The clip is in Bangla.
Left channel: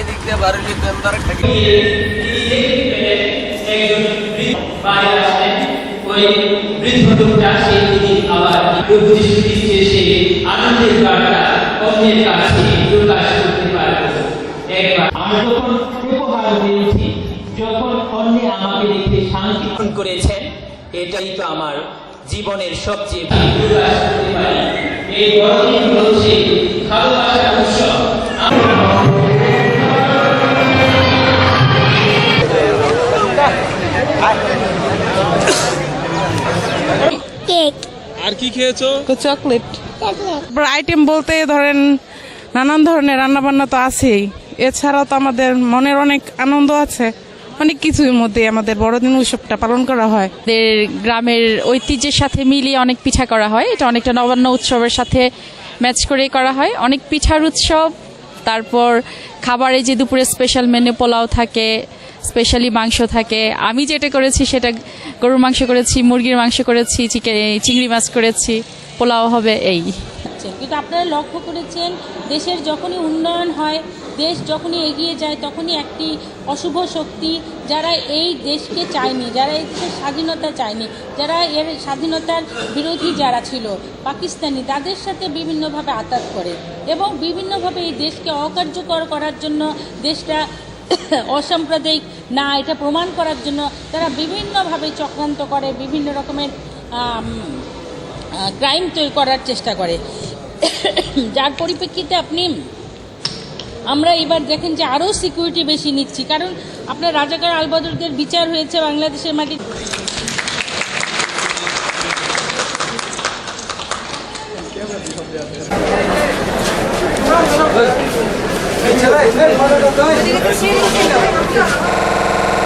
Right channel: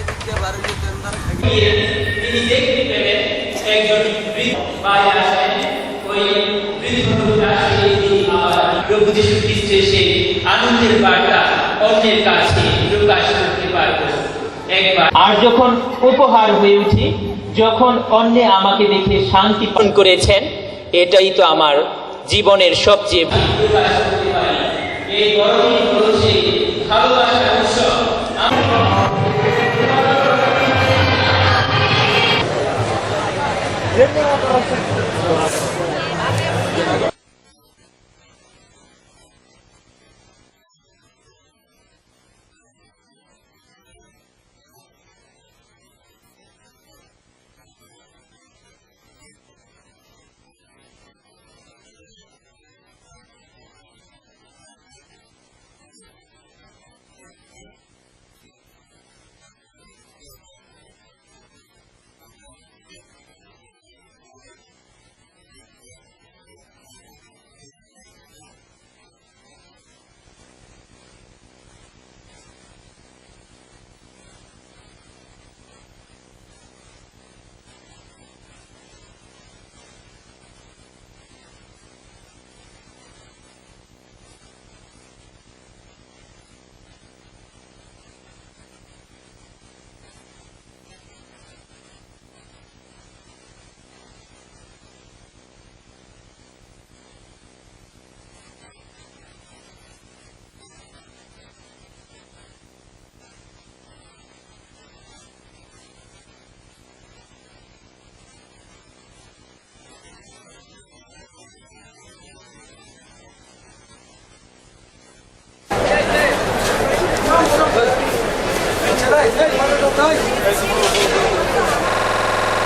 এদিক দিয়ে বাড়ি তারা থাকি একজন বাইরে আসেন ওই বৃদ্ধ লোকটা সেই আবার প্রভু যীশু খ্রিস্টের সেই আনন্দের বার্তা অন্যের কাছে প্রকাশ করতে পারবো একবার। আর যখন উপহার হয়ে উঠি, যখন অন্যে আমাকে দেখে শান্তি করেছেন, এটাই তো আমার জীবনের সবচেয়ে প্রকাশ করতে পারি। এই বড়দিন হলো সেই ভালোবাসার উৎসব। কেক আর কি খেয়েছো? চকলেট আইটেম বলতে ধরেন নানান ধরনের রান্না বান্না তো আছেই, এছাড়াও তো আমাদের মনের অনেক আনন্দ আছে, অনেক কিছুর মধ্যে আমাদের বড়দিন উৎসবটা পালন করা হয়। আমাদের গ্রামের ঐতিহ্যের সাথে মিলিয়ে অনেক পিঠা করা হয়, এটা অনেকটা নবান্ন উৎসবের সাথে ম্যাচ করেই করা হয়। অনেক পিঠার উৎসব, তারপর খাবারে যে দুপুরে স্পেশাল মেনু পোলাও থাকে, স্পেশালি মাংস থাকে। আমি যেটা করেছি সেটা গরুর মাংস করেছি, মুরগির মাংস করেছি, চিংড়ি মাছ করেছি, পোলাও হবে এই। কিন্তু আপনারা লক্ষ্য করেছেন দেশের যখনই উন্নয়ন হয়, দেশ যখনই এগিয়ে যায়, তখনই একটি অশুভ শক্তি যারা এই দেশকে চায়নি, যারা এই দেশের স্বাধীনতা চায়নি, যারা এর স্বাধীনতার বিরোধী যারা ছিল পাকিস্তানি, তাদের সাথে বিভিন্নভাবে আঘাত করে এবং বিভিন্নভাবে এই দেশকে অকার্যকর করার জন্য, দেশটা অসাম্প্রদায়িক না এটা প্রমাণ করার জন্য তারা বিভিন্নভাবে চক্রান্ত করে, বিভিন্ন রকমের ক্রাইম তৈরি করার চেষ্টা করে। যার পরিপ্রেক্ষিতে আমরা এবার দেখেন যে আরও সিকিউরিটি বেশি নিচ্ছি, কারণ আপনার রাজাকার আলবদরদের বিচার হয়েছে বাংলাদেশের মাটি। Hey,